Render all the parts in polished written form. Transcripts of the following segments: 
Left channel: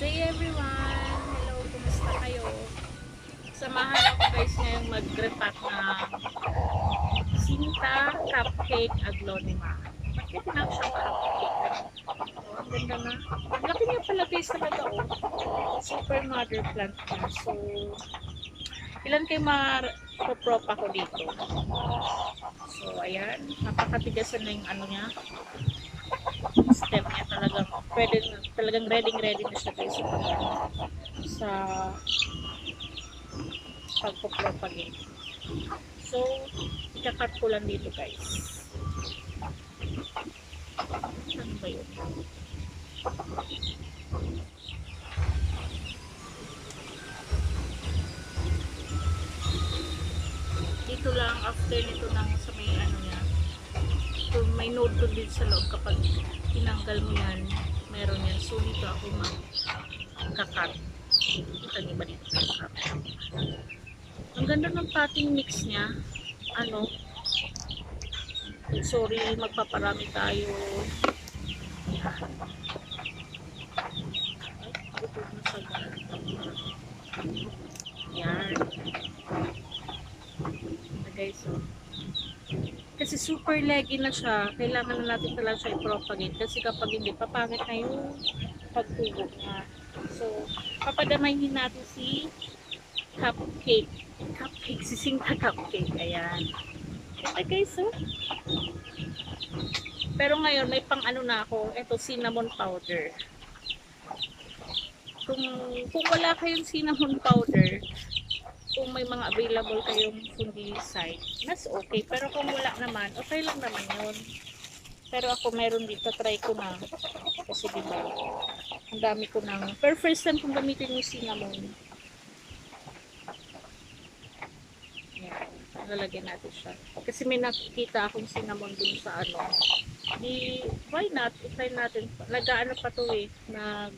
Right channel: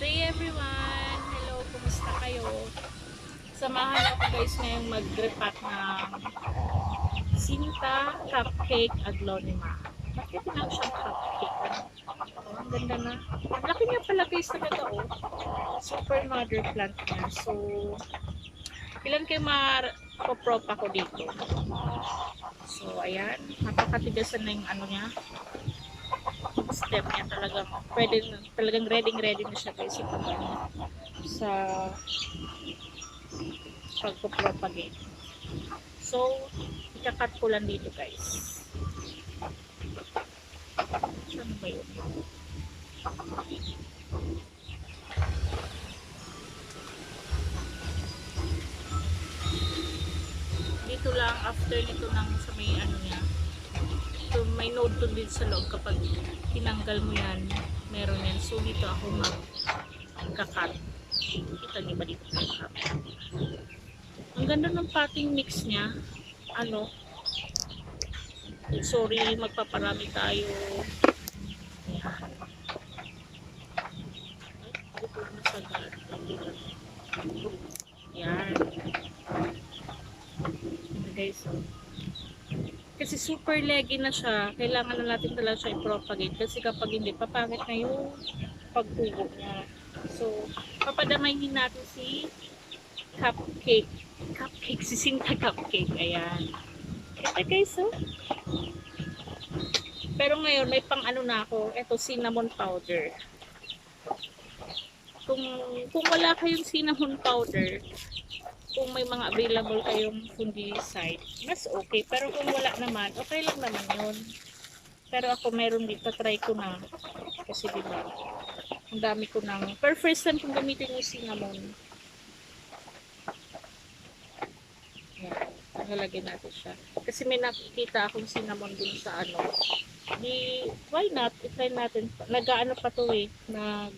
Day everyone! Hello, kumusta kayo? Samahan ako guys ngayong mag-repack ng Sinta Cupcake Aglonema. Bakit tinawag siyang cupcake? Oh, ang ganda na. Ang laki niya pala guys talaga oh. Super mother plant niya. So, ilan kayo ma-prop ako dito? So, ayan. Napakatigasan na yung ano niya. Stem niya talagang pwede, talagang ready na siya guys sa pagpo-propagate. So, ikakat ko lang dito guys. Saan ba yun? Dito lang after nito ng sa may ano niya. So, may node to din sa loob kapag tinanggal mo yan, meron yan. So, dito ako magkakat. Kita niyo ba dito? Ang ganda ng potting mix niya. Ano? Sorry, magpaparami tayo. Yan. Ay, ito na sa yan. Okay, so. Kasi super leggy na siya. Kailangan na natin talaga siya i-propagate. Kasi kapag hindi, papangit na yung pagtubo niya. So, papadamayin natin si cupcake. Cupcake, si Sinta Cupcake. Ayan. Ito guys, oh. Pero ngayon, may pang ano na ako. Ito, cinnamon powder. Kung, kung wala kayong cinnamon powder, kung may mga available kayong fungicide, mas okay. Pero kung wala naman, okay lang naman yun. Pero ako meron dito, try ko na. Kasi diba, ang dami ko nang, per first time kung gamitin yung cinnamon. Yan, lalagyan natin siya. Kasi may nakikita akong cinnamon dun sa ano. Di, why not? I-try natin. Nag-ano pa to eh, nag,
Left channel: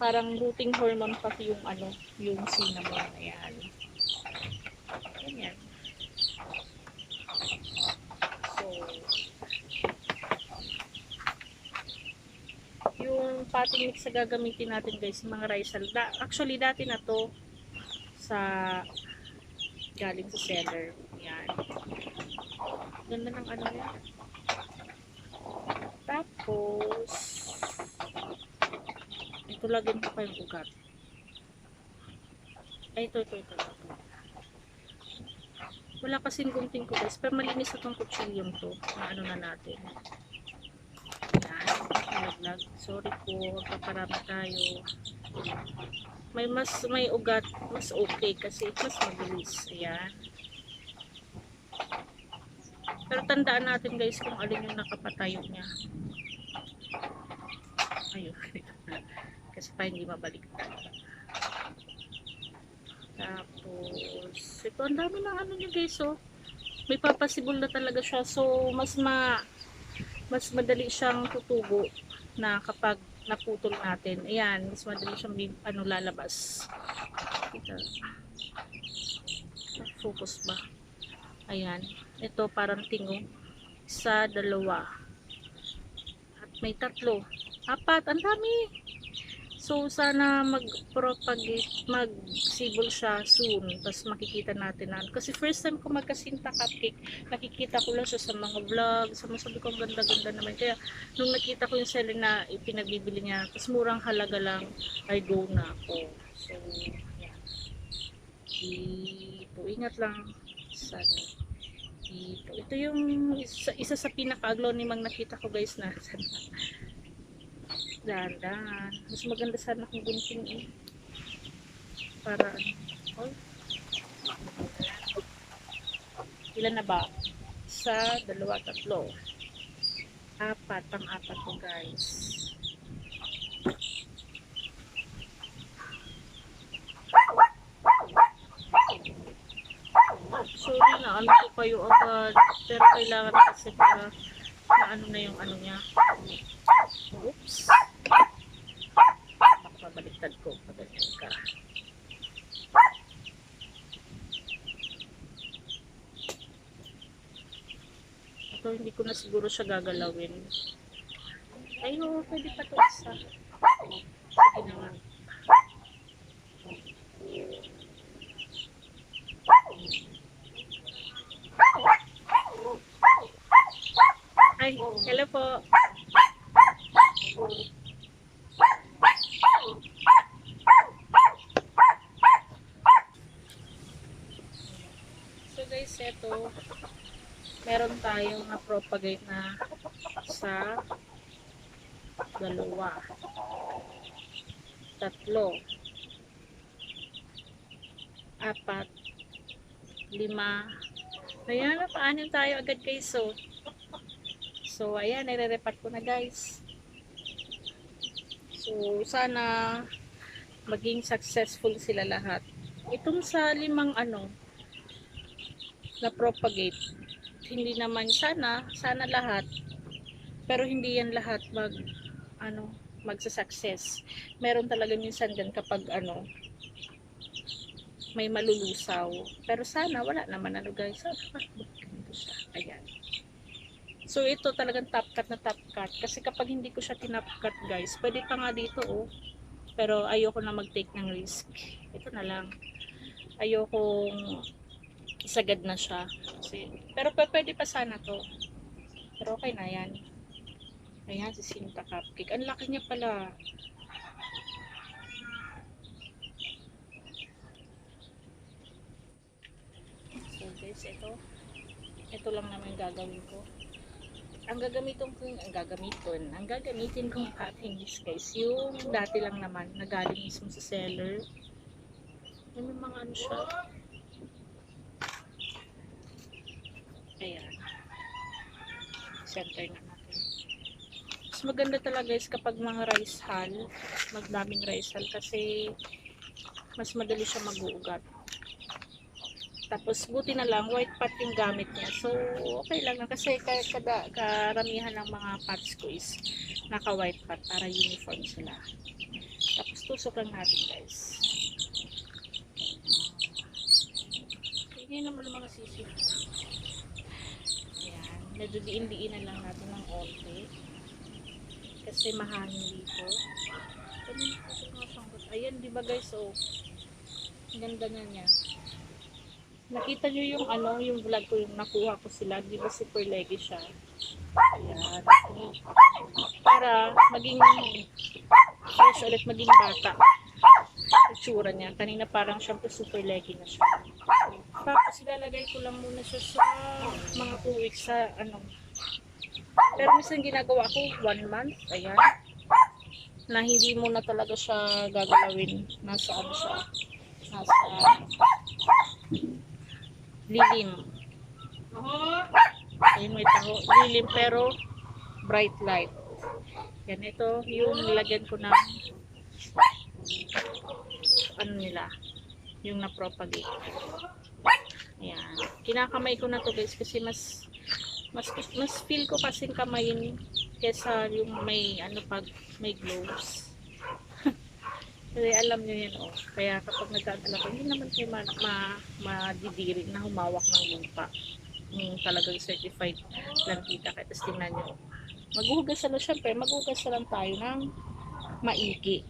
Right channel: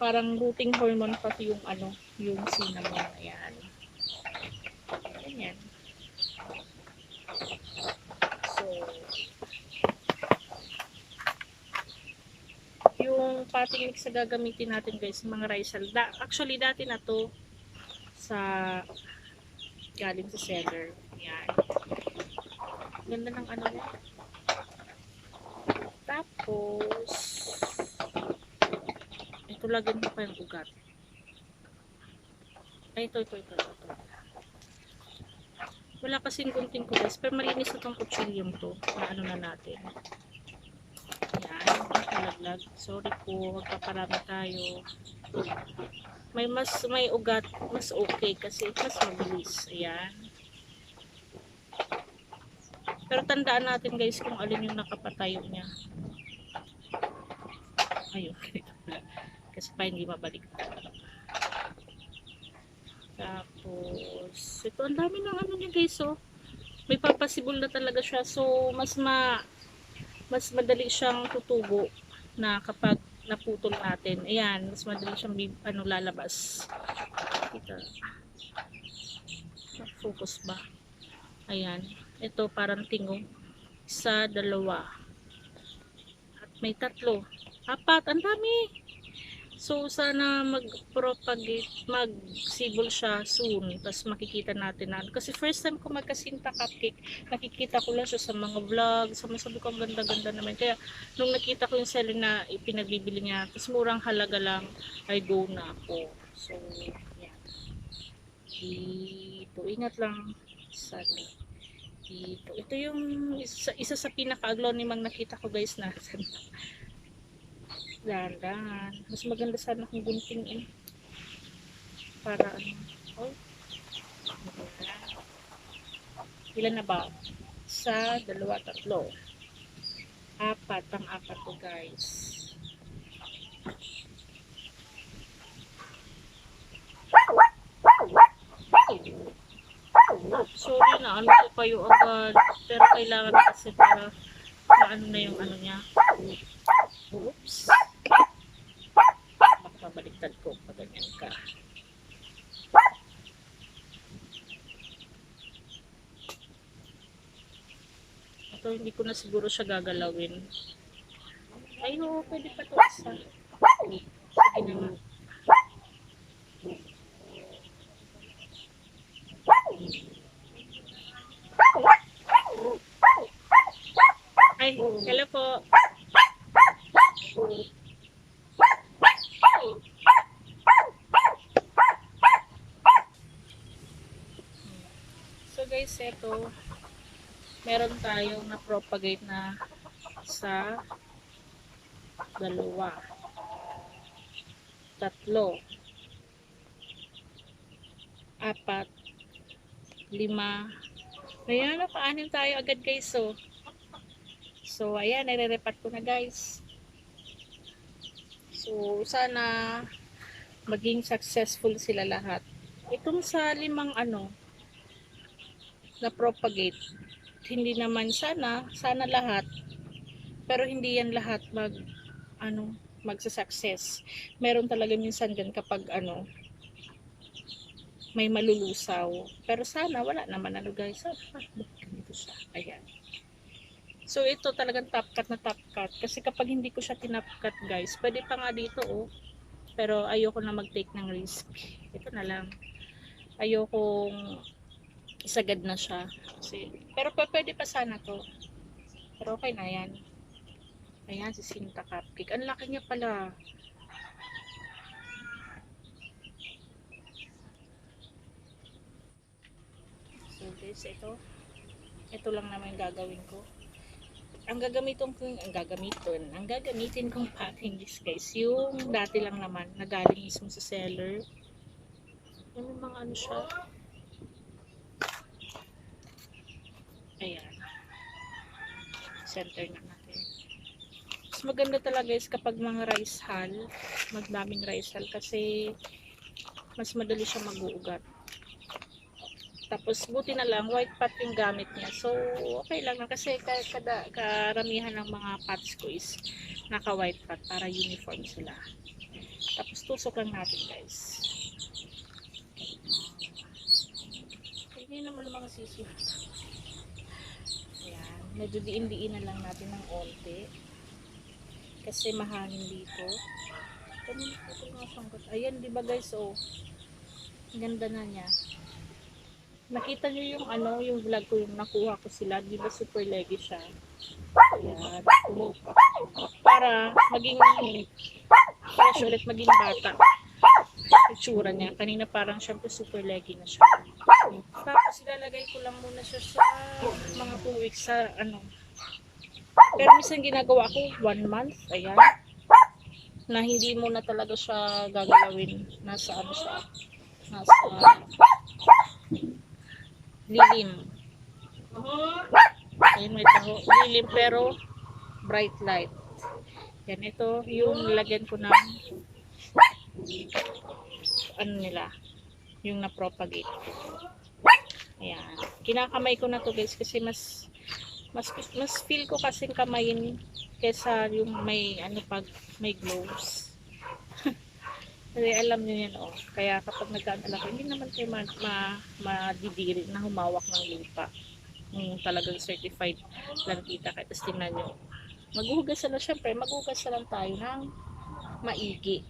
parang rooting hormone pati yung ano, yung cinnamon. Ayan. Ganyan. So, yung potting mix na gagamitin natin guys, mga rice. Actually, dati na to sa galing sa seller. Yan. Ganda ng ano niya. Tapos, ito lagyan ko pa yung ugat. Ay, ito. Wala kasing gunting ko guys, pero malinis itong kutsilyong to na ano na natin. Yan, nalaglag. Sorry po, magpaparami tayo. May ugat, mas okay kasi mas mabilis. Ayan. Pero tandaan natin guys kung alin yung nakapatayo niya. Ayun, kasi pa hindi mabalik. Tapos, ito ang dami ng ano niya guys, oh. May papasibol na talaga siya. So, mas madali siyang tutubo na kapag naputol natin. Ayan, mas madali siyang ano, lalabas. Ito. Focus ba? Ayan. Ito parang tingo. Isa, dalawa. At may tatlo. Apat. Ang dami. So, sana mag-propagate, mag-sibol siya soon. Tapos makikita natin na. Kasi first time ko magkasinta cupcake, nakikita ko lang siya sa mga vlog. Sabi ko, ang ganda-ganda naman. Kaya, nung nakita ko yung seller na ipinagbibili niya, tapos murang halaga lang, ay go na ako. So, yan. Dito, ingat lang. Sana. Dito. Ito yung isa sa pinaka-aglonimang nakita ko guys na. Dahan-dahan. Mas maganda sana kung gunting eh. Para ano. Oh, ilan na ba? Isa, dalawa, tatlo. Apat. Pang-apat to guys. Sorry na ano ko kayo agad. Pero kailangan kasi para maano na yung ano niya. Oops. Baka baliktad ko pag ganyan ka. Ito hindi ko na siguro siya gagalawin. Ayo, pwede pa to isa. Sige na nga. Ay, hello po. So guys, eto, meron tayong na-propagate na sa 2, 3, 4, 5. Ayan, napaanin tayo agad guys. So ayan, nire-repat ko na guys. So, sana maging successful sila lahat. Itong sa 5 na propagate, hindi naman sana lahat, pero hindi yan lahat magsa-success. Meron talaga minsan dyan kapag may malulusaw. Pero sana wala naman guys. Ganito siya. Ayan. So ito talagang top cut na top cut. Kasi kapag hindi ko siya tinop cut guys, pwede pa nga dito Pero ayoko na mag-take ng risk. Ito na lang. Ayokong isagad na siya. Pero pwede pa sana to. Pero okay na yan. Ayan, si Sinta Cupcake. Ang laki niya pala. So guys, ito lang naman yung gagawin ko. Ang gagamitin kong potting is guys, yung dati lang naman, na galing mismo sa seller. May mga siya. Ayan. Center na natin. Mas maganda talaga guys kapag mga rice hull, magdaming rice hull kasi mas madali siya mag-uugat. Tapos buti na lang white pot yung gamit niya. So okay lang na kasi karamihan ng mga pots ko is naka white pot para uniform sila. Tapos tusok lang natin guys. Hindi naman mga sisi. Ayan, medyo diin-diin na lang natin ng onte. Kasi mahangin dito. Ayan, di ba guys, ang ganda na niya. Nakita nyo yung yung vlog ko, yung nakuha ko sila, di ba super leggy siya. Ayan. Para maging fresh ulit, maging bata. Itsura niya. Kanina parang syempre super leggy na siya. Tapos ilalagay ko lang muna siya sa mga 2 weeks sa Pero minsan ginagawa ko 1 month. Ayan. Na hindi mo na talaga siya gagalawin. Nasa siya. Nasa lilim. Ayun, may taho. Lilim pero bright light. Yan, ito yung nilagyan ko ng nila. Yung na-propagate. Ayan. Kinakamay ko na to guys kasi mas feel ko kasing kamayin kesa yung may pag may gloves. Kasi alam nyo yan Kaya kapag nagkadala ko, hindi naman kayo madidiri na humawak ng lupa. Kung talagang certified plantita. Kaya tapos tingnan nyo. Maghuhugas na syempre, maghuhugas na lang tayo ng maigi.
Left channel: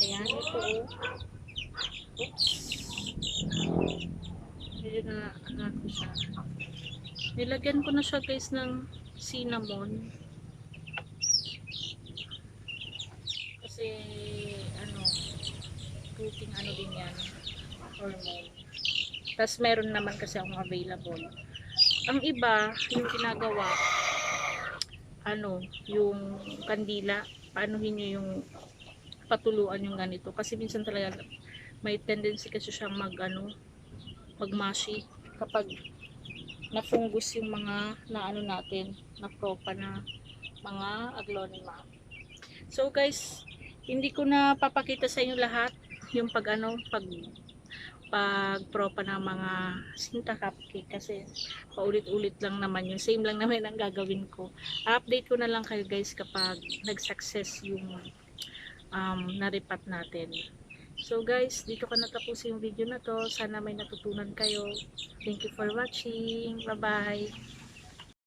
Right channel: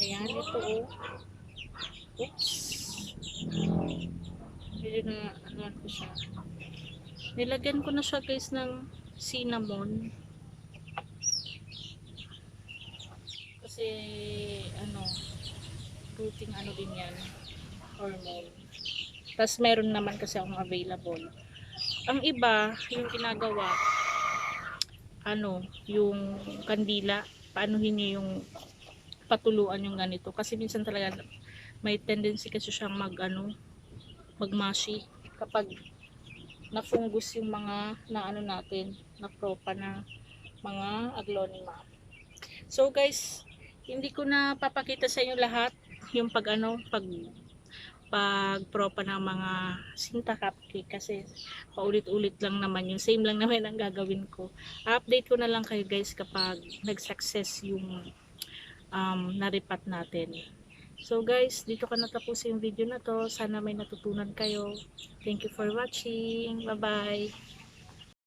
Ayan, ito Oops. Medyo na ko siya. Nilagyan ko na siya guys ng cinnamon. Kasi fruiting din yan, hormone. Tapos meron naman kasi akong available. Ang iba yung ginagawa yung kandila, paanuhin nyo yung patuluan yung ganito kasi minsan talaga may tendency kasi siyang magmashi kapag na-fungus yung mga natin na propa na mga aglonema. So guys, hindi ko na papakita sa inyo lahat yung pag propa ng mga Sinta Cupcake kasi paulit-ulit lang naman yung same lang naman ang gagawin ko. Update ko na lang kayo guys kapag nag-success yung naripat natin. So guys, dito ka natapos yung video na to. Sana may natutunan kayo. Thank you for watching. Bye bye.